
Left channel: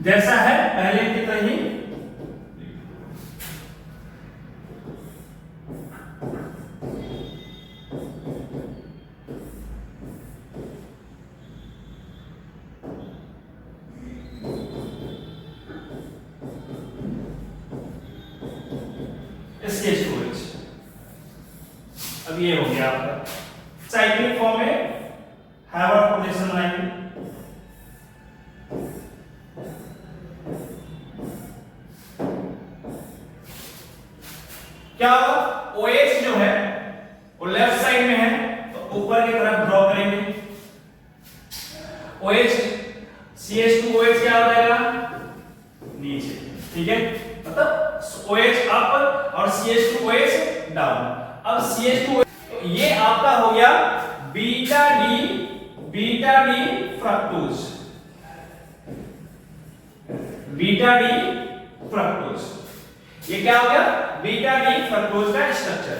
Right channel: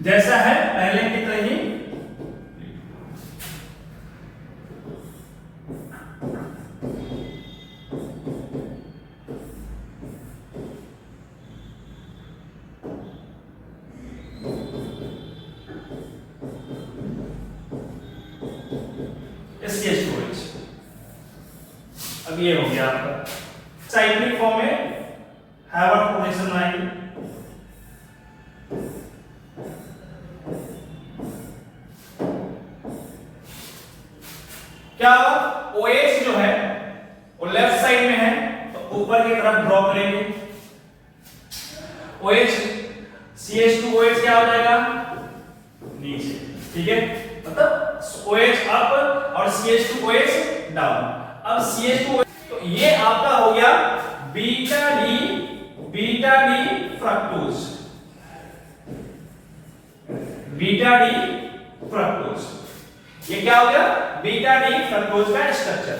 जैसा है पहले की तरह ही। CH2OH। अब ये हो गया आपका साइक्लिक फॉर्म में हैवर्थ पोजीशन बनाएंगे। क्या होगा, OH जो है वो लेफ्ट साइड में है तो ऊपर की तरफ ड्रॉ करेंगे। OH CH2OH क्या हो जाएगा, नीचे, ठीक है, मतलब OH अप और CH2OH डाउन। अब CH2OH तो ये आपका हो गया beta D fructose, beta D fructose. ये क्या हो गया, बीटा डी फ्रक्टोज का structure.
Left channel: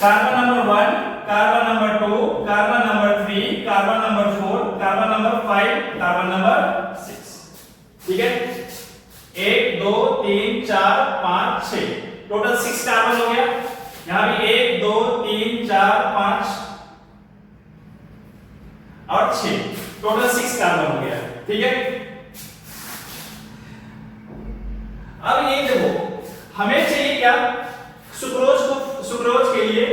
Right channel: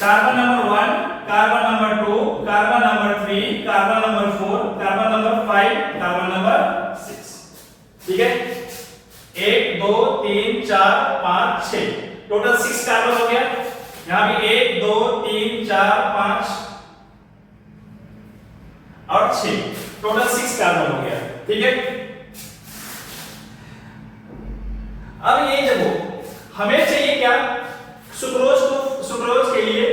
Carbon number 1, carbon number 2, carbon number 3, carbon number 4, carbon number 5, carbon number 6, ठीक है। 1 2 3 4 5 6 टोटल 6 कार्बन हो गया। यहां भी 1 2 3 4 5 और 6 टोटल 6 कार्बन हो गया, ठीक है। अब ये देखो हमें चाहिए क्या, सुक्रोज के लिए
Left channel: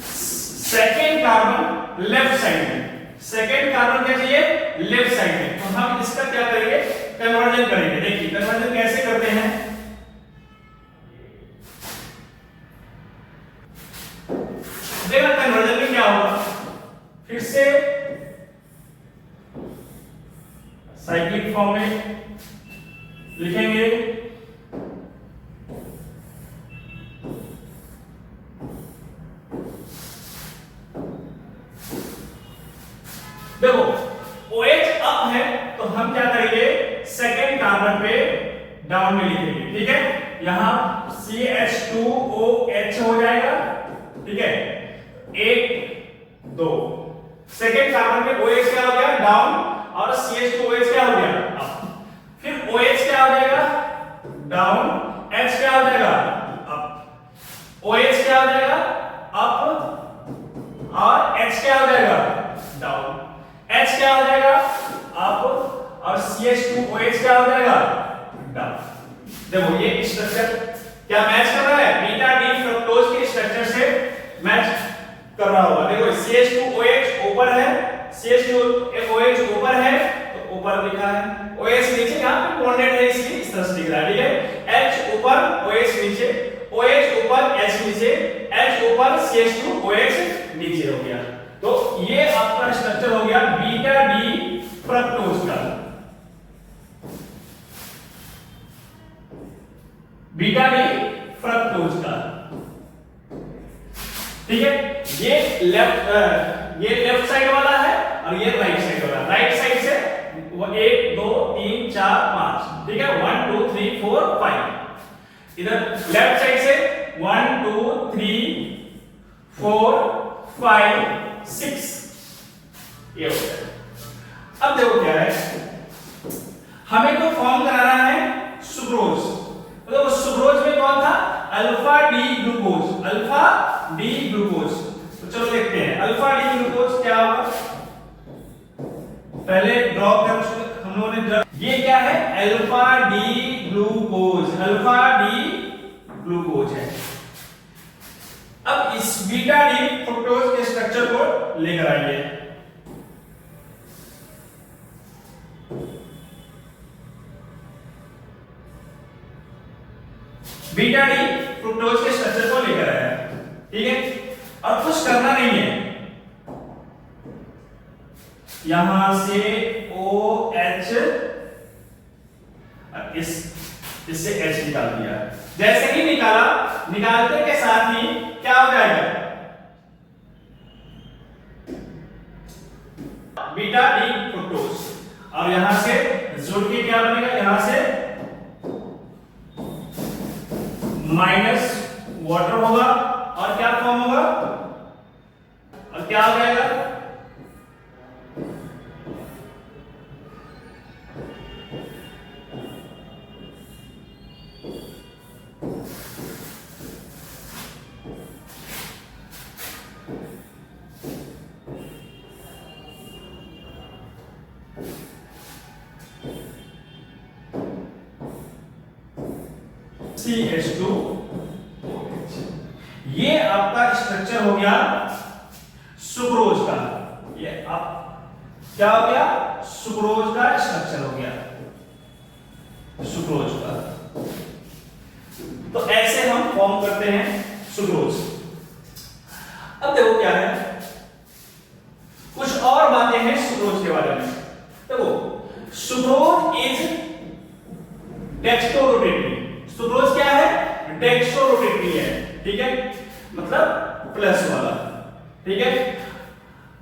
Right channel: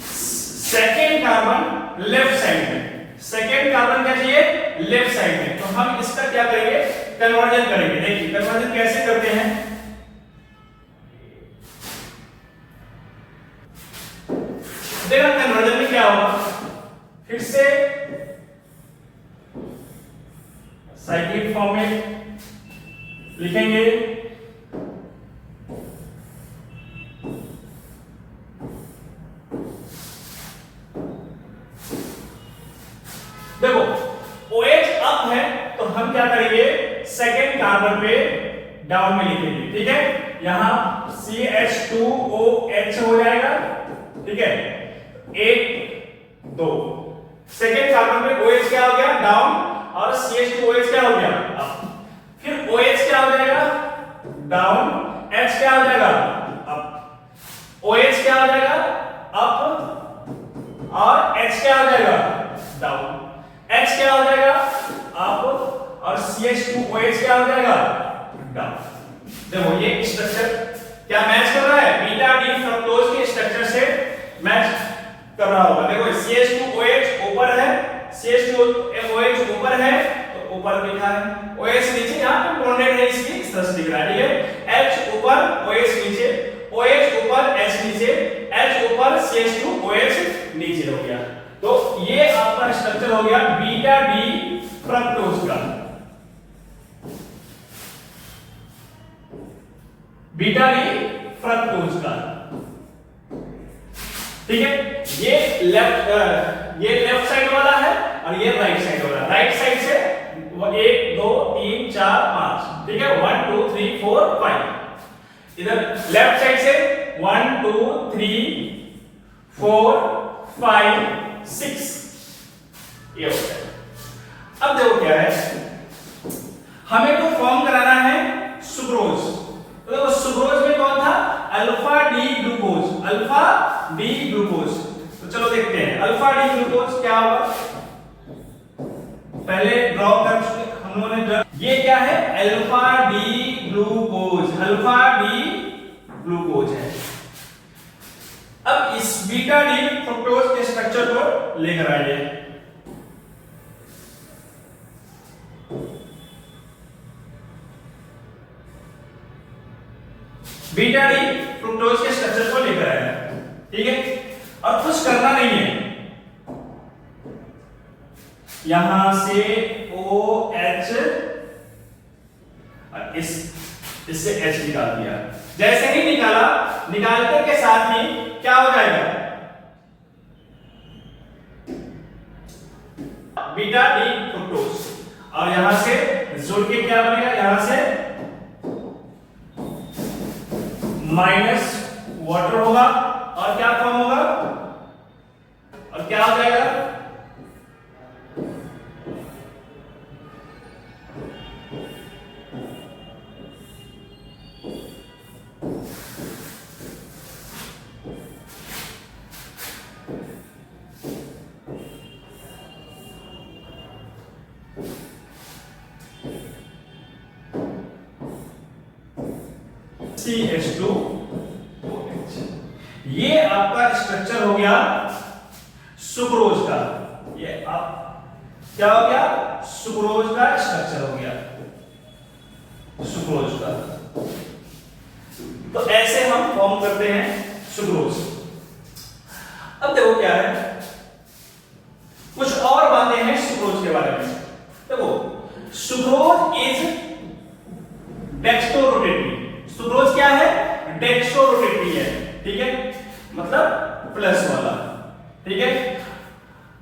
सेकेंड कार्बन लेफ्ट साइड में, सेकेंड कार्बन क्या चाहिए, लेफ्ट साइड में। तो हम इसका क्या करेंगे, कन्वर्जन करेंगे। देखिए कन्वर्जन कैसे करते हैं, देखा कन्वर्जन में क्या होगा, फिर से साइक्लिक फॉर्म में लिखेंगे। देखो OH अप है तो हम क्या करेंगे, सेकेंड कार्बन पे डाउन में लिखेंगे, ठीक है। यहां CH2OH हो जाएगा, ठीक है। 1 2 सेकेंड कार्बन पे OH क्या हो गया, डाउन, और CH2OH क्या हो गया, अप। फिर OH क्या हो जाएगा, डाउन, H क्या हो जाएगा, अप। OH क्या हो जाएगा, अप, और H क्या हो जाएगा, डाउन। H क्या हो जाएगा, अप, और CH2OH क्या हो जाएगा, डाउन। देखो ये स्ट्रक्चर क्या मैच कर रहा है, बीटा डी फ्रक्टोज के स्ट्रक्चर से मैच कर रहा होगा। देखो CH2OH ऊपर है, CH2OH ऊपर है तो ऊपर लिखा है, OH नीचे, यहां पे बॉन्डेड है इसलिए इस तरह से दिख रहा है, ठीक है। H ऊपर OH नीचे, OH ऊपर H नीचे, H ऊपर CH2OH नीचे हो गया। तो ये आपका स्ट्रक्चर हो गया बीटा डी फ्रक्टोज का, बीटा डी फ्रक्टोज का, ठीक है। ये लेफ्ट साइड वाला है और ये राइट साइड वाला है। राइट साइड से 1 2 3 4 5, ठीक है, 1 2 3 4 5। इधर लेफ्ट साइड से 1 2 3 4 5 6 ये हो गया। अब देखो क्या है, हमें तो फॉर्म कराना है सुक्रोज। तो देखो सुक्रोज में कौन था, alpha D glucose, alpha D glucose. तो चलो देखते हैं अल्फा डी ग्लूकोज क्या होगा, पहले ड्रॉ कर हम लोगों ने। ये क्या है, alpha D glucose, alpha D glucose है। अब इस बीटा डी फ्रक्टोज के स्ट्रक्चर को लेकर आइए। बीटा डी फ्रुक्टोज के स्ट्रक्चर को लेकर आया, ठीक है। अब कुछ करना नहीं है, यहां से OH इससे H निकाल दिया। जैसे ही निकाला, निकालते के साथ ही क्या हो जाएगा, बीटा डी फ्रुक्टोज, और यहां से जुड़ के क्या बनेगा, यहां से माइनस वाटर होगा और क्या फॉर्म होगा, और क्या हो जाएगा, CH2OH। ये आपका स्ट्रक्चर हो गया सुक्रोज का। ये आप क्या हो गया? सुक्रोज का स्ट्रक्चर हो गया, सुक्रोज का। तो ऐसे हम फॉर्म करते हैं सुक्रोज। अब देखो क्या है, कुछ और बातें हैं सुक्रोज के बारे में। देखो, सुक्रोज इज डेक्स्ट्रोरोटेटरी। सुक्रोज क्या है? डेक्स्ट्रोरोटेटरी है, ठीक है, मतलब प्लस वाला, ठीक है।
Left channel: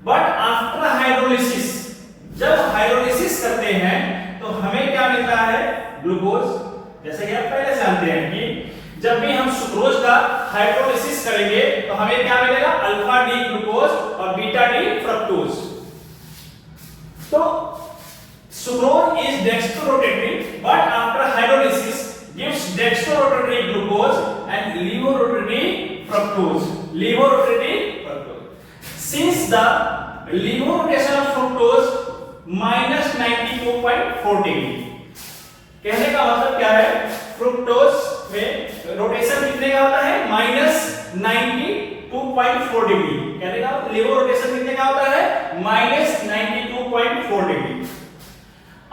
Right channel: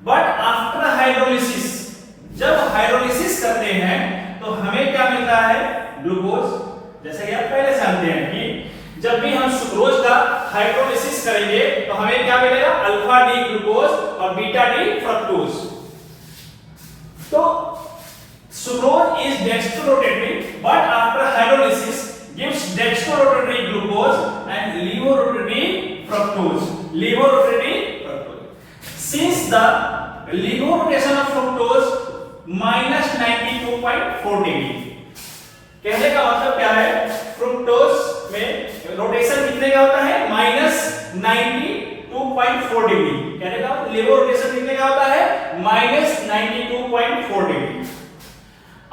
बट आफ्टर हाइड्रोलिसिस, जब हाइड्रोलिसिस करते हैं तो हमें क्या मिलता है? ग्लूकोज। जैसे कि आप पहले जानते हैं कि जब भी हम सुक्रोज का हाइड्रोलिसिस करेंगे तो हमें क्या मिलेगा? अल्फा डी ग्लूकोज और बीटा डी फ्रक्टोज। तो sucrose is dextrorotatory but after hydrolysis gives dextrorotatory glucose and levorotatory fructose. Levorotatory fructose. Since the levorotation of fructose minus 92.4 degree, कहने का मतलब क्या है? फ्रुक्टोज में रोटेशन कितने का होता है? Minus 92.4 degree. कहने का लेवो रोटेशन कितने का होता है? Minus 92.4 degree.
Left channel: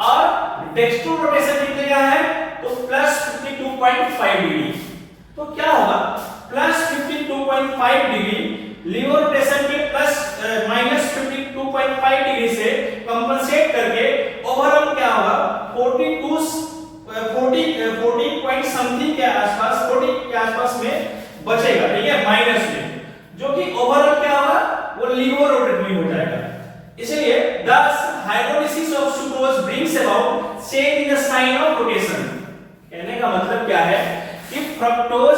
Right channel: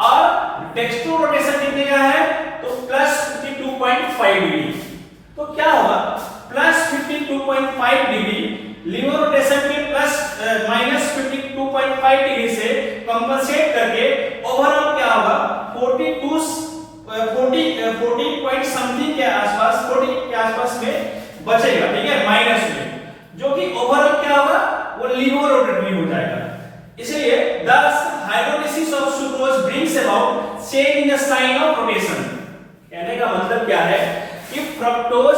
और डेक्स्ट्रो रोटेशन कितने का है? तो प्लस 52.5 डिग्री। तो क्या होगा? प्लस 52.5 डिग्री लीवो रोटेशन के प्लस माइनस 52.5 डिग्री से कंपनसेट करके ओवरऑल क्या होगा? 40 पॉइंट समथिंग के आसपास, 40 के आसपास में बचेगा, ठीक है, माइनस में, जो कि ओवरऑल क्या होगा? वो लीवो रोटेटरी हो जाएगा। इसलिए thus hydrolysis of sucrose brings about change in the sign of rotation। कहने का मतलब क्या है कि फ्रक्टोज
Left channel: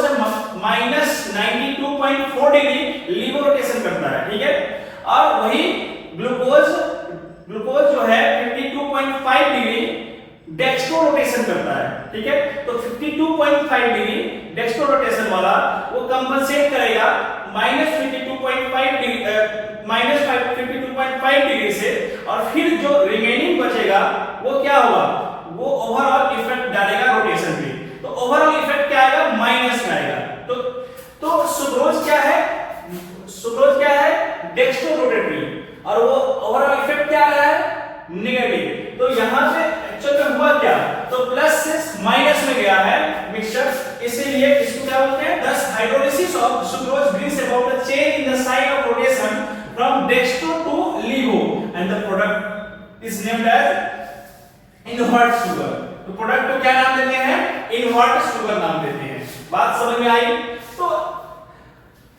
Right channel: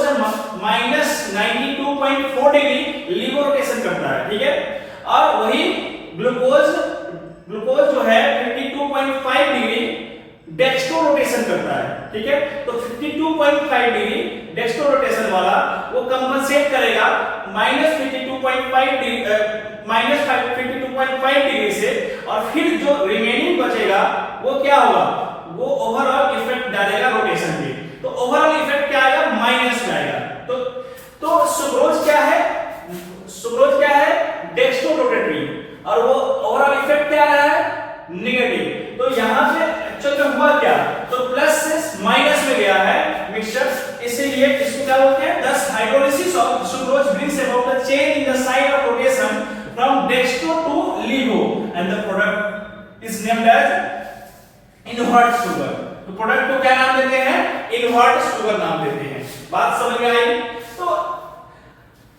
माइनस 92.4 डिग्री लीवो रोटेशन करता है, ठीक है, और वही ग्लूकोज जो है 52.5 डिग्री डेक्स्ट्रो रोटेशन करता है, ठीक है। तो 52.5 डिग्री डेक्स्ट्रो रोटेशन वाला वो कंपनसेट करेगा माइनस 52.5 डिग्री से, और फिर जो रिमेनिंग बचेगा वो क्या होगा? वो ओवरऑल इफेक्ट डालेगा रोटेशन पे। तो ओवरऑल इफेक्ट क्या आएगा? माइनस में आएगा। तो सुक्रोज क्या है? सुक्रोज क्या है? डेक्स्ट्रो रोटेटरी, और वो ओवरऑल इफेक्ट क्या आ रहा है? नेगेटिव। तो यहां पे एक्चुअल में हुआ क्या? तो प्लस से माइनस में गया है मिक्सचर, इसीलिए इसको क्या बोलते हैं? thus hydrolysis of sucrose brings about a change in the sign of rotation from dextro to levo and the product is named as invert sugar। तो प्रोडक्ट को क्या नाम देते हैं? इन्वर्ट शुगर नाम देते हैं। बात समझ में आई? तो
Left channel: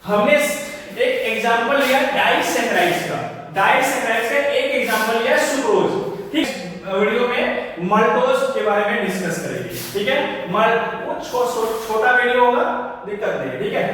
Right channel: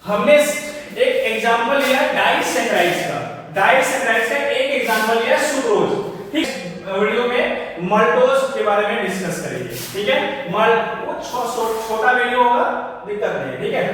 हमने एक एग्जांपल लिया डाइसैकराइड्स का, डाइसैकराइड्स का एक एग्जांपल लिया सुक्रोज। ठीक, वीडियो में मल्टोज के बारे में डिस्कस करेंगे, ठीक है। वो छोटा वीडियो होगा, दिक्कत नहीं, ठीक है।